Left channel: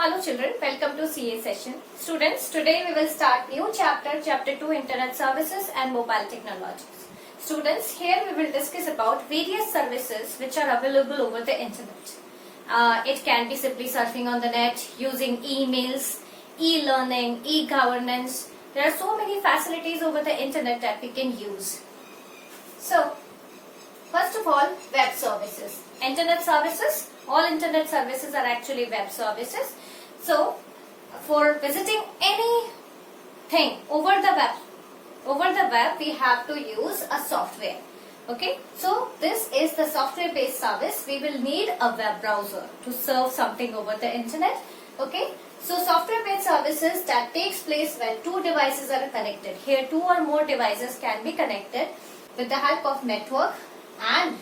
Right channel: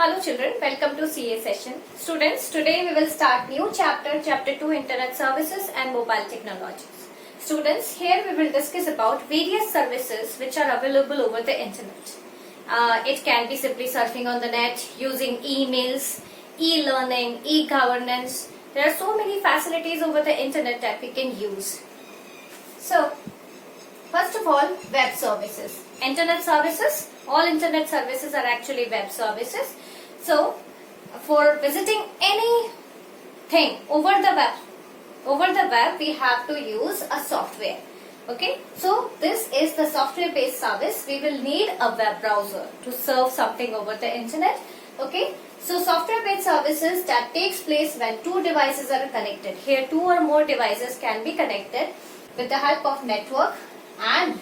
Hello children, welcome to CA session. Students, today we will start new chapter, chapter 2 Internet Services and Mobile Technologies. Students, here we will discuss about various services which are available over the internet. It can be simply surfing on the net, using emails, e-learning, e-governance. There are so many facilities over the internet that we can use. So, first of all, web services. Internet services, all internet services are actually web services. So, for visiting anything over the web, we have to use a software. Okay, so this is the software based service. We will need a web browser to serve something over the internet. Okay, so software based services that takes place when two devices are connected. Here two or more devices can be connected with the help of network, and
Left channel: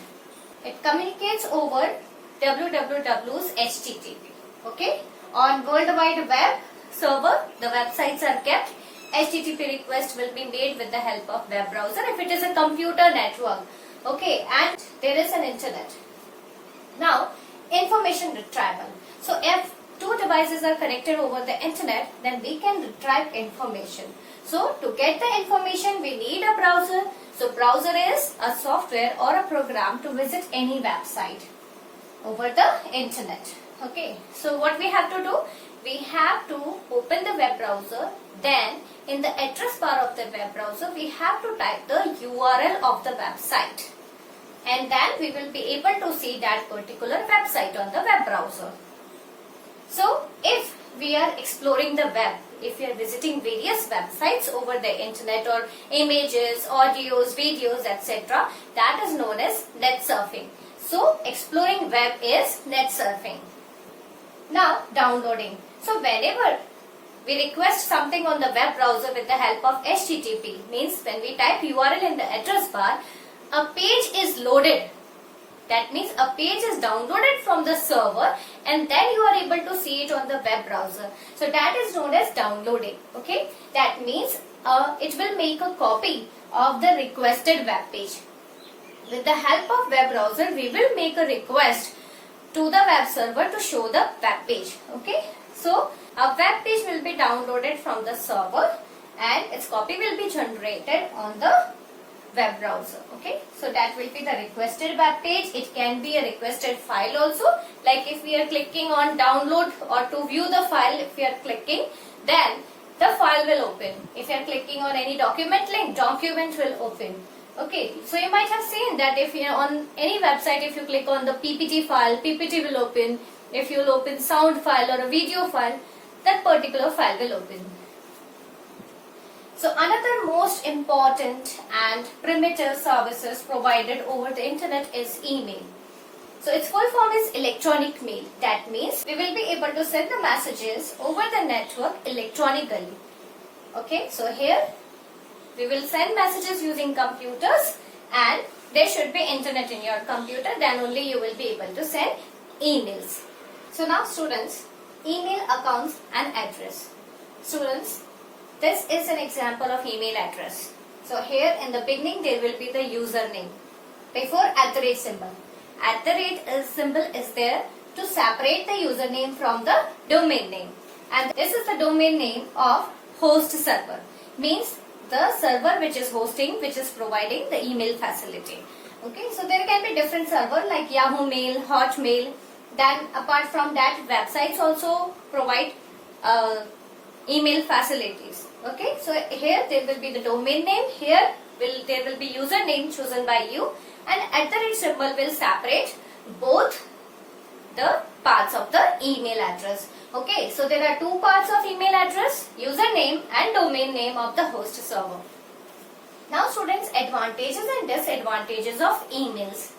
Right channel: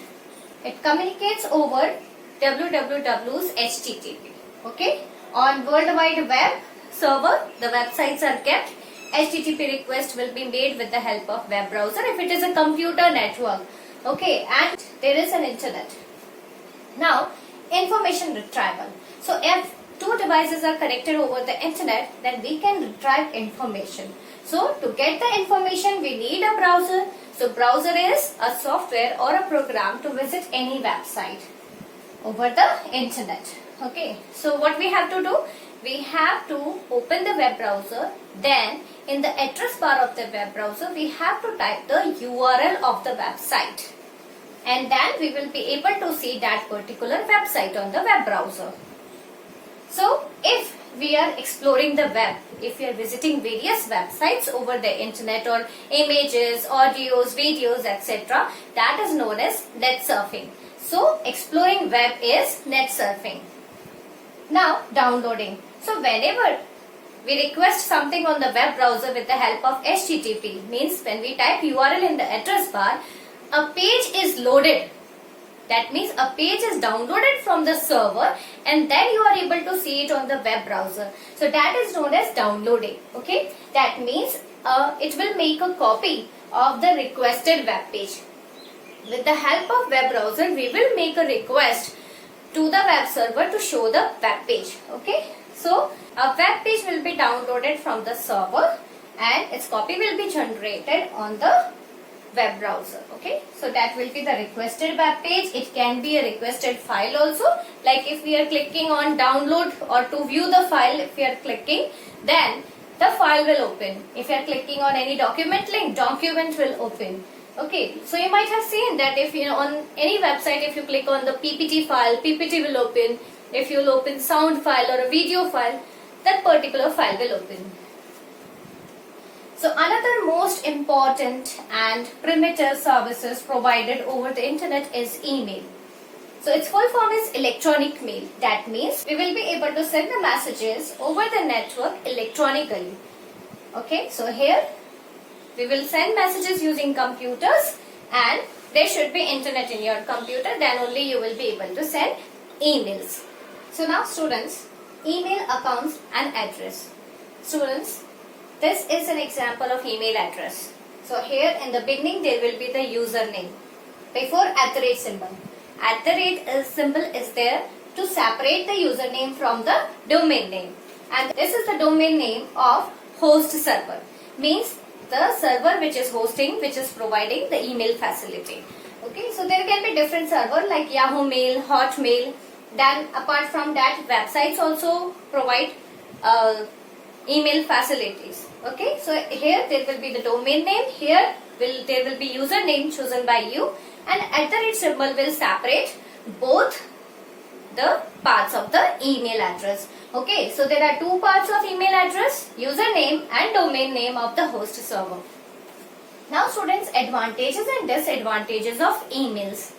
it communicates over www's HTTP. Okay, on World Wide Web server, the websites are kept. HTTP request will be made with the help of web browser if it is a computer network. Okay, and there is an internet. Now, information retrieval. So, if two devices are connected over the internet, then we can retrieve information. So, to get the information, we need a browser. So, browser is a software or a program to visit any website over the internet. Okay, so what we have to do? We have to open the web browser. Then, in the address bar of the web browser, we have to type the URL of the website. And then we will be able to see that particular website on the web browser. So, if we are exploring the web, if we are visiting various websites over the internet or images, audios, videos, etc., that is known as net surfing. So, exploring web is net surfing. Now, downloading. So, whenever we request something on the web browser with the help of HTTP, means when we type URL in the address bar, a page is loaded. That means a page is downloaded from the server and then you are able to see it on the web browser. So that is known as downloading. Okay, that means it will make a copy of the requested web page. With the help of web browser, we will make a request to the web server to show the web page. Okay, so a web page will be downloaded from the server and its copy will be generated on the web browser. Okay, so that will be the requested web page. It can be a requested file also. Like if we are clicking on download or to view the file, if we are clicking, then the file will open. If you are clicking on any document link, document will open. Okay, so you might have seen that if you on any website, if you click on the PPT file, PPT will open. If you will open sound file or a video file, that particular file will open. So another most important and primitive services provided over the internet is email. So its full form is electronic mail. That means we will be able to send the messages over the network electronically. Okay, so here we will send messages using computers and there should be internet in your computer, then only you will be able to send emails. So now students, email accounts and address. Students, this is an example of email address. So here in the beginning there will be the username before @ symbol. @ symbol is there to separate the username from the domain name. And this is the domain name of host server. Means the server which is hosting, which is providing the email facility. Okay, so there can be different server like Yahoo Mail, Hotmail. Then apart from that, websites also provide email facilities. Okay, so here there will be the domain name. Here there will be username chosen by you, and @ symbol will separate both the parts of the email address. Okay, so there are two parts of email address, username and domain name of the host server. Now students, advantages and disadvantages of emails.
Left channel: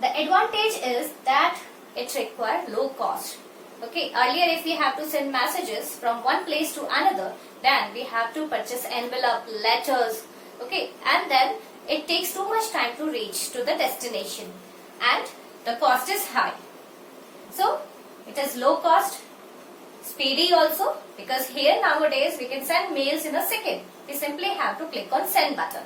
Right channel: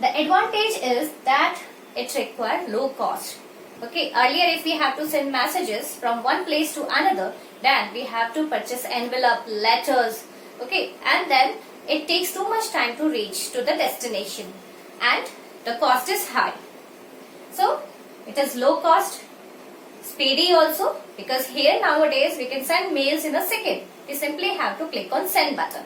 The advantage is that it requires low cost. Okay, earlier if we have to send messages from one place to another, then we have to purchase envelope, letters, okay, and then it takes too much time to reach to the destination and the cost is high. So, it is low cost, speedy also, because here nowadays we can send mails in a second. We simply have to click on send button.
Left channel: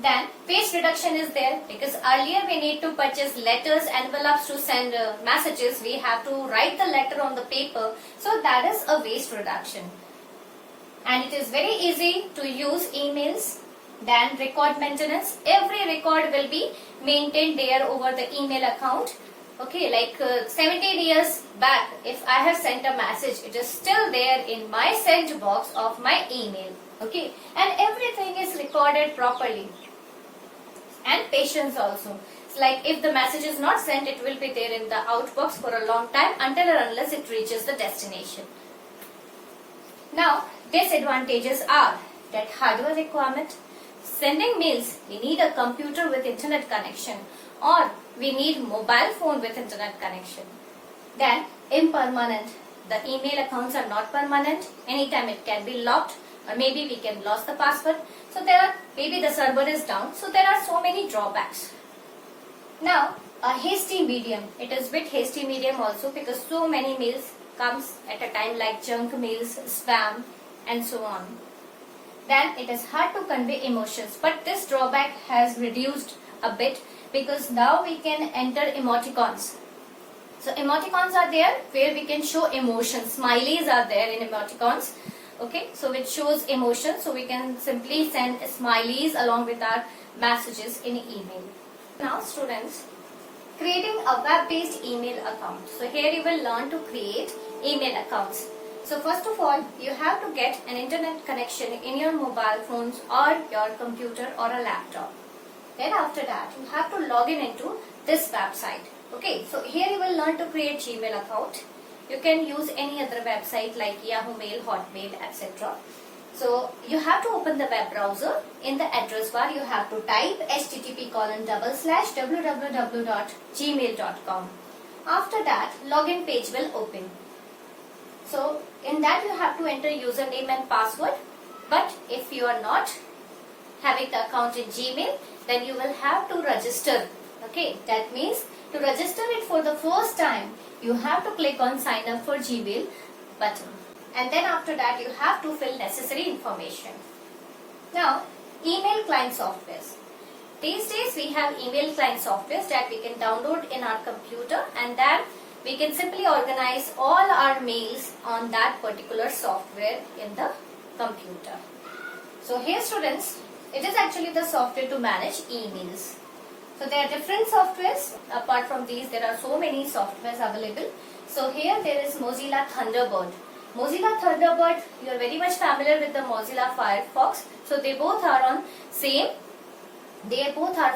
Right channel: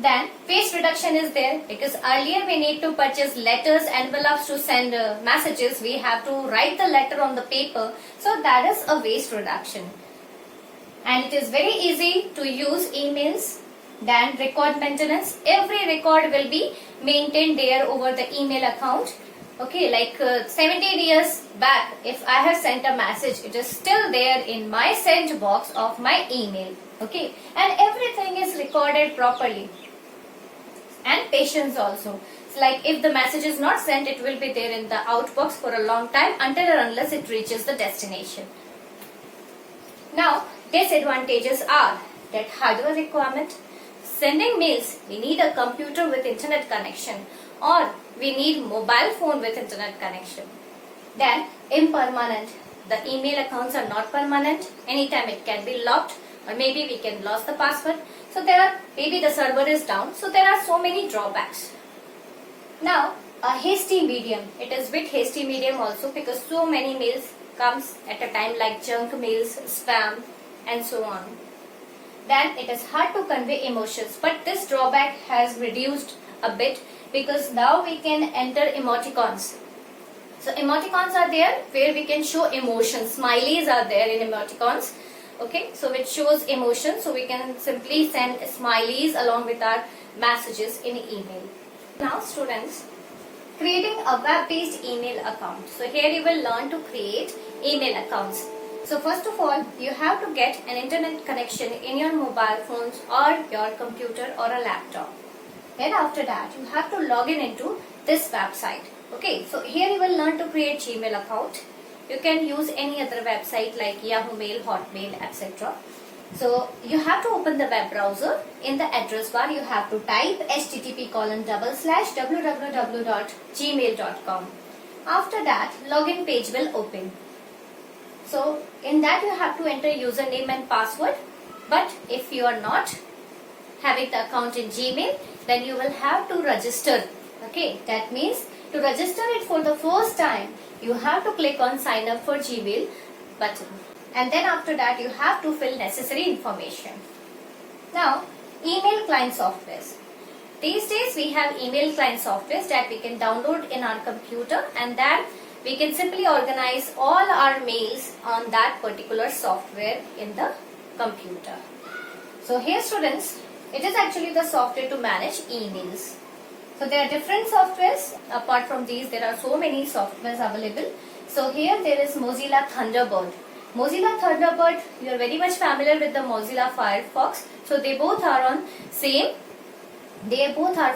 Then waste reduction is there because earlier we need to purchase letters, envelopes to send messages. We have to write the letter on the paper. So that is a waste reduction. And it is very easy to use emails. Then record maintenance. Every record will be maintained there over the email account. Okay, like 17 years back, if I have sent a message, it is still there in my sent box of my email. Okay, and everything is recorded properly. And patience also. So like if the message is not sent, it will be there in the outbox for a long time until or unless it reaches the destination. Now, disadvantages are that hardware requirement. Sending mails, we need a computer with internet connection, or we need mobile phone with internet connection. Then impermanent. The email accounts are not permanent. Anytime it can be locked, or maybe we can lose the password. So there are, maybe the server is down. So there are so many drawbacks. Now, a hasty medium. It is with hasty medium also because so many mails comes at a time like junk mails, spam, and so on. Then it is hard to convey emotions, but this drawback has reduced a bit because now we can enter emoticons. So emoticons are there where we can show emotions. Smileys are there in emoticons. Okay, so which shows emotion. So we can simply send smileys along with our messages in email. Now students, creating a web-based email account. So here you will learn to create email accounts. So first of all, you have to get an internet connection in your mobile phones or your computer or a laptop. Then after that, you have to log in into this website. Okay, so here you will learn to create Gmail account. You can use any other website like Yahoo Mail, Hotmail, etc. So you have to open the web browser. In the address bar, you have to type http://www.gmail.com. After that, login page will open. So in that you have to enter username and password. But if you are not having the account in Gmail, then you will have to register. Okay, that means to register it for the first time, you have to click on sign up for Gmail button. And then after that you have to fill necessary information. Now, email client softwares. These days we have email client softwares that we can download in our computer, and then we can simply organize all our mails on that particular software in the computer. So here students, it is actually the software to manage emails. So there are different softwares. Apart from these, there are so many softwares available. So here there is Mozilla Thunderbird. Mozilla Thunderbird, you are very much familiar with the Mozilla Firefox. So they both are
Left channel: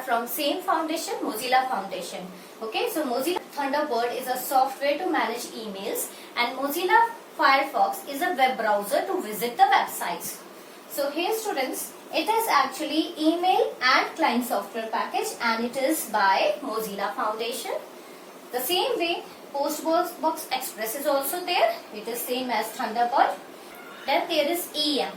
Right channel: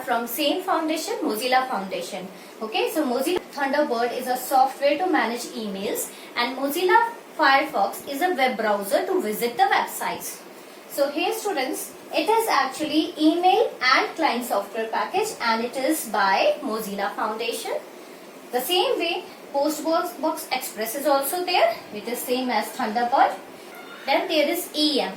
from same foundation, Mozilla Foundation. Okay, so Mozilla Thunderbird is a software to manage emails, and Mozilla Firefox is a web browser to visit the websites. So here students, it is actually email and client software package, and it is by Mozilla Foundation. The same way, Postbox Express is also there. It is same as Thunderbird. Then there is EM.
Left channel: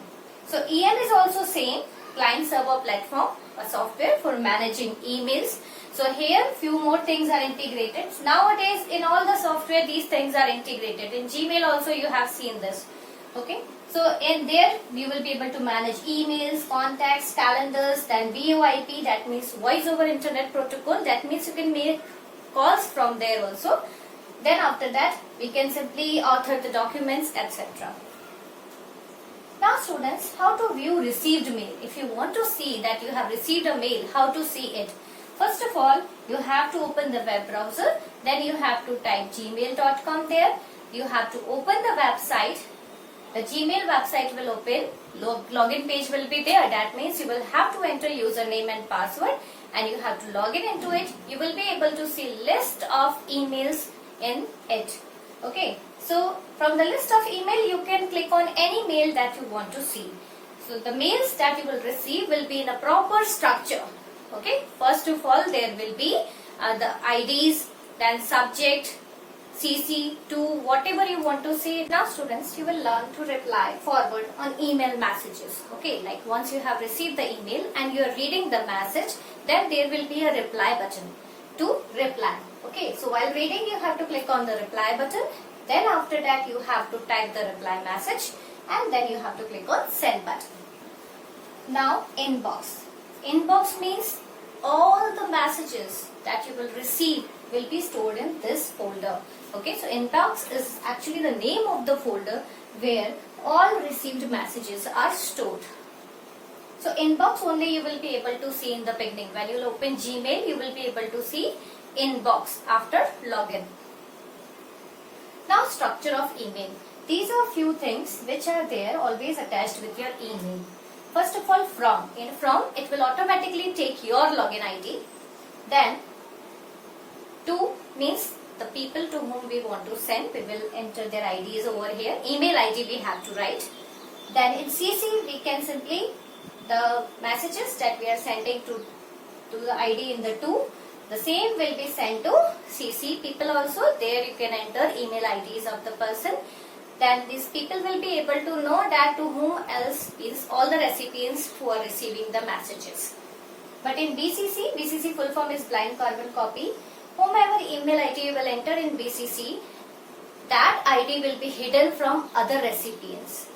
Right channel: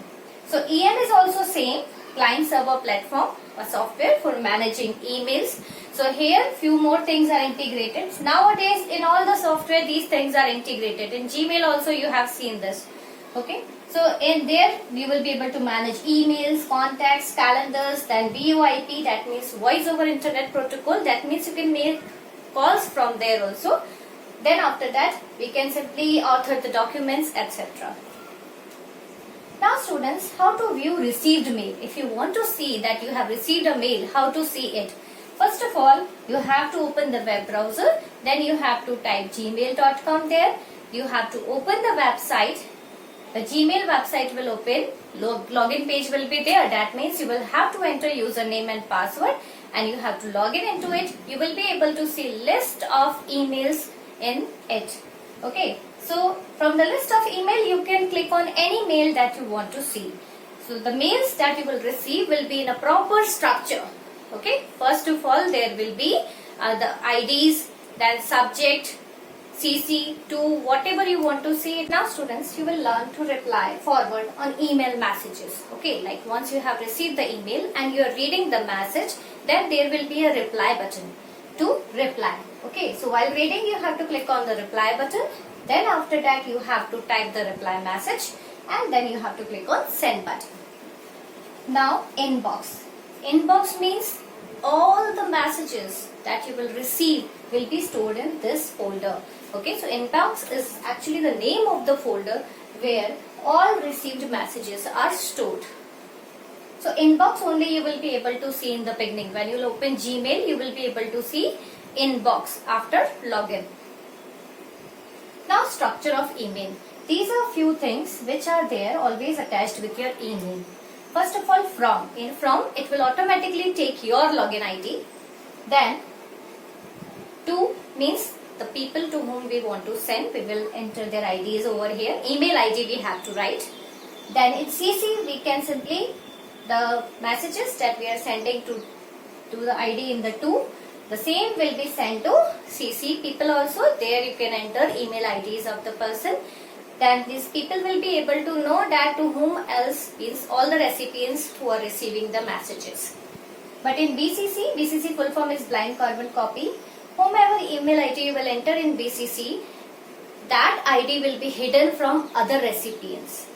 So EM is also same, client server platform, a software for managing emails. So here few more things are integrated. Nowadays in all the software these things are integrated. In Gmail also you have seen this. Okay. So in there we will be able to manage emails, contacts, calendars, then VoIP, that means voice over internet protocol. That means you can make calls from there also. Then after that we can simply author the documents, etc. Now students, how to view received mail? If you want to see that you have received a mail, how to see it? First of all, you have to open the web browser. Then you have to type gmail.com there. You have to open the website. The Gmail website will open. Login page will be there. That means you will have to enter username and password, and you have to log in into it. You will be able to see list of emails in it. Okay, so from the list of email you can click on any mail that you want to see. So the mails that you will receive will be in a proper structure. Okay, first of all there will be the IDs, then subject, CC to whatever you want to see. Now students, you will learn to reply forward on email messages. Okay, like once you have received the email and you are reading the message, then there will be a reply button to reply. Okay, so while reading you have to click on the reply button. Then after that you have to type the reply message, and then you have to click on send button. Now inbox. Inbox means all the messages that you will receive will be stored in this folder. Okay, so inbox is actually the name of the folder where all received messages are stored. So inbox only you will be able to see in the beginning. When you will open Gmail, you will be able to see inbox after login. Now structure of email. These are few things which are there always attached with your email. First of all, from. In from, it will automatically take your login ID. Then, to means the people to whom we want to send. We will enter their IDs over here. Email ID we have to write. Then in CC, we can simply, the messages that we are sending to the ID in the to, the same will be sent to CC people also. There you can enter email IDs of the person. Then these people will be able to know that to whom else is all the recipients who are receiving the messages. But in BCC, BCC full form is blind carbon copy. Whomever email ID you will enter in BCC, that ID will be hidden from other recipients.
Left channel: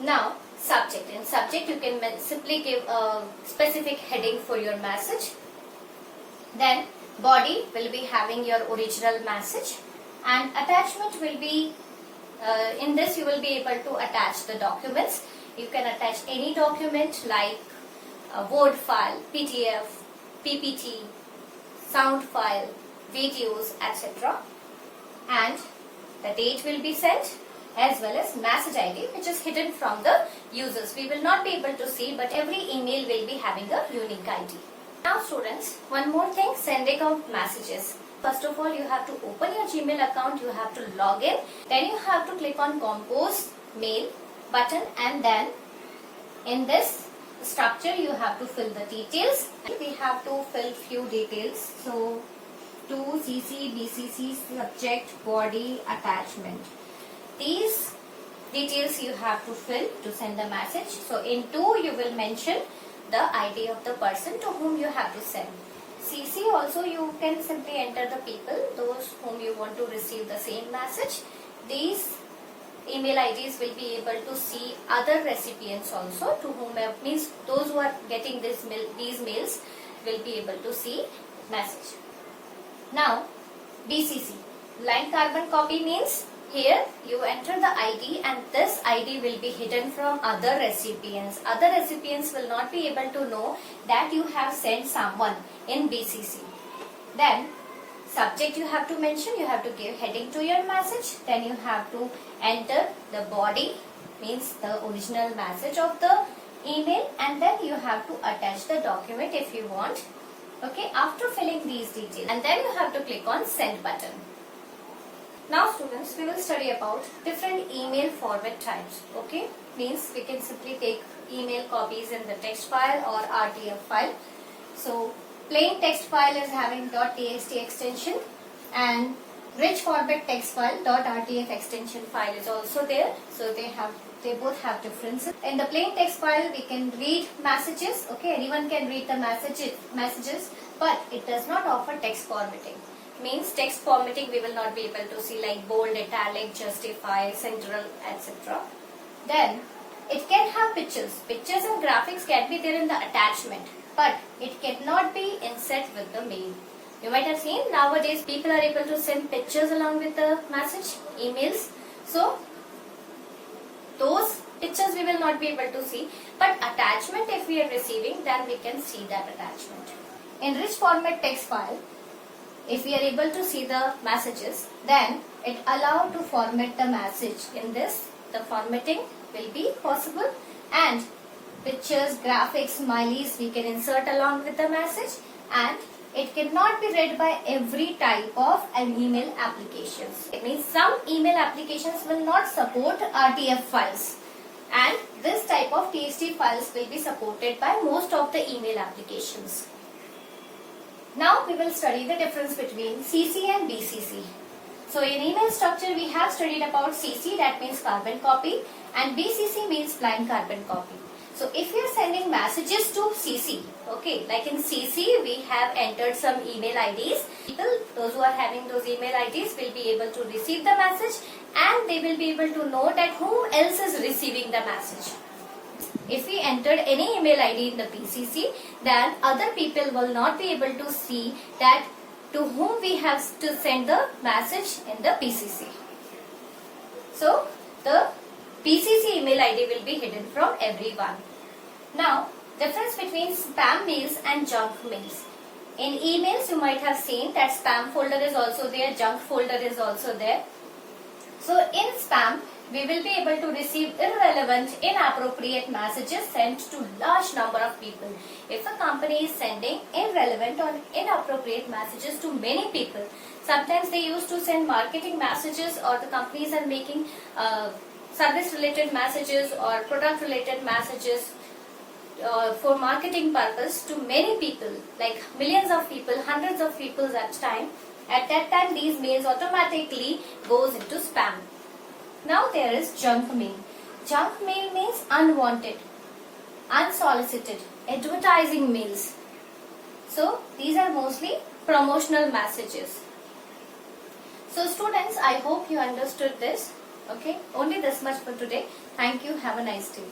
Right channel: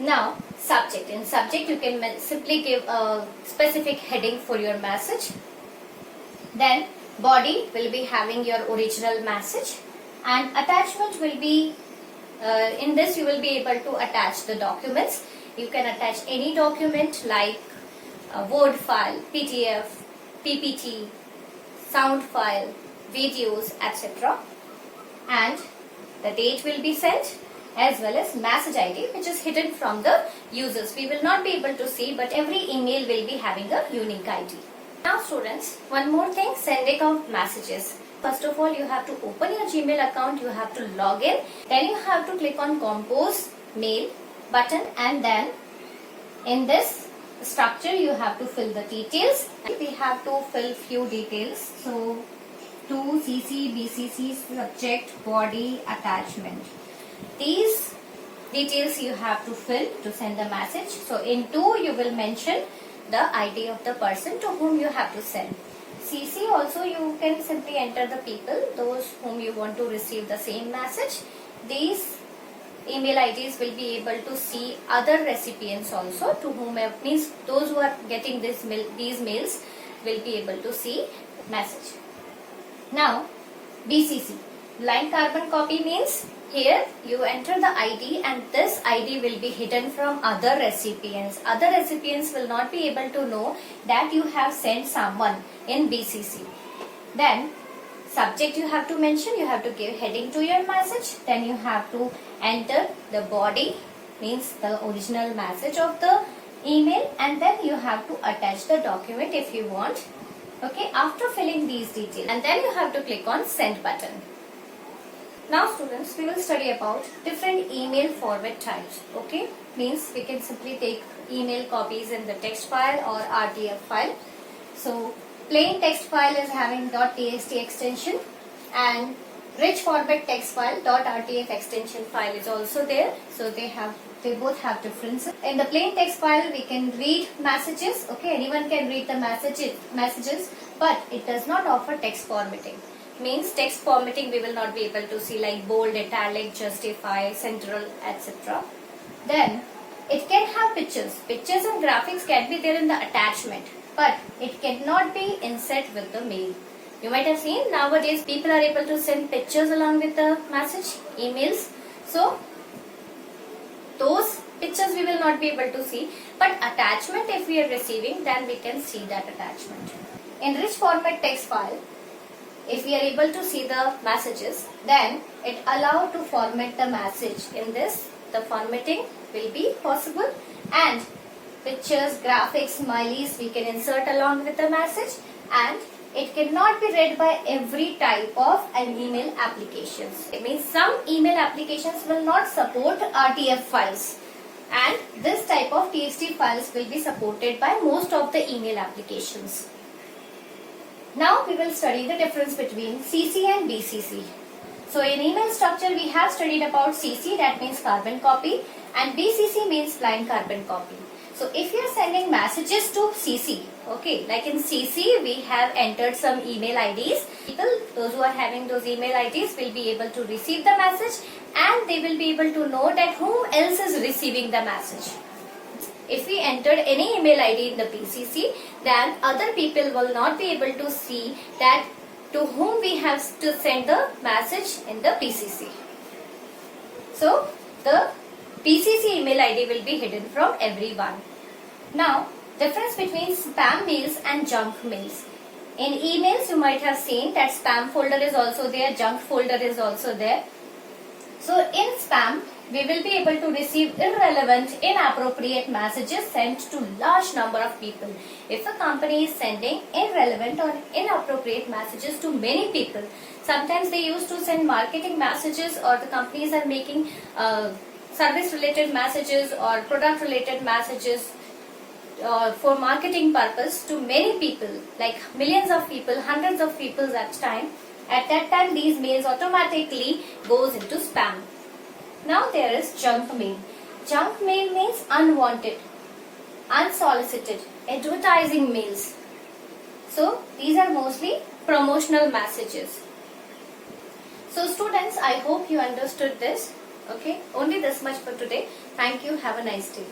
Now, subject. In subject, you can simply give a specific heading for your message. Then, body will be having your original message. And attachment will be, in this you will be able to attach the documents. You can attach any document like a Word file, PDF, PPT, sound file, videos, etc. And the date will be sent as well as message ID which is hidden from the users. We will not be able to see, but every email will be having a unique ID. Now students, one more thing, sending of messages. First of all, you have to open your Gmail account, you have to log in, then you have to click on compose mail button, and then in this structure you have to fill the details. We have to fill few details. So to CC, BCC, subject, body, attachment. These details you have to fill to send the message. So in to you will mention the ID of the person to whom you have to send. CC also you can simply enter the people, those whom you want to receive the same message. These email IDs will be able to see other recipients also, to whom means those who are getting these mails will be able to see message. Now BCC, blind carbon copy, means here you enter the ID and this ID will be hidden from other recipients. Other recipients will not be able to know that you have sent someone in BCC. Then subject you have to mention, you have to give heading to your message. Then you have to enter the body, means the original message of the email, and then you have to attach the document if you want. Okay, after filling these details, and then you have to click on send button. Now students, we will study about different email format types. Okay, means we can simply take email copies in the text file or RTF file. So plain text file is having .txt extension, and rich format text file .rtf extension file is also there. So they both have differences. In the plain text file we can read messages. Okay, anyone can read the messages, but it does not offer text formatting. Means text formatting we will not be able to see, like bold, italic, justify, central, etc. Then it can have pictures. Pictures and graphics can be there in the attachment, but it cannot be inset with the mail. You might have seen nowadays people are able to send pictures along with the message, emails. So those pictures we will not be able to see, but attachment if we are receiving, then we can see that attachment. In rich format text file, if we are able to see the messages, then it allows to format the message. In this, the formatting will be possible, and pictures, graphics, smileys we can insert along with the message, and it cannot be read by every type of an email applications. It means some email applications will not support RTF files, and this type of TXT files will be supported by most of the email applications. Now we will study the difference between CC and BCC. So in email structure we have studied about CC, that means carbon copy, and BCC means blind carbon copy. So if you are sending messages to CC, okay, like in CC we have entered some email IDs. People, those who are having those email IDs will be able to receive the message, and they will be able to know that who else is receiving the message. If we entered any email ID in the PCC, then other people will not be able to see that to whom we have to send the message in the PCC. So the PCC email ID will be hidden from everyone. Now, difference between spam mails and junk mails. In emails, you might have seen that spam folder is also there, junk folder is also there. So in spam, we will be able to receive irrelevant, inappropriate messages sent to large number of people. If a company is sending irrelevant or inappropriate messages to many people, sometimes they used to send marketing messages, or the companies are making service related messages or product related messages for marketing purpose to many people, like millions of people, hundreds of people at time. At that time, these mails automatically goes into spam. Now there is junk mail. Junk mail means unwanted, unsolicited, advertising mails. So these are mostly promotional messages. So students, I hope you understood this. Okay, only this much for today. Thank you. Have a nice day.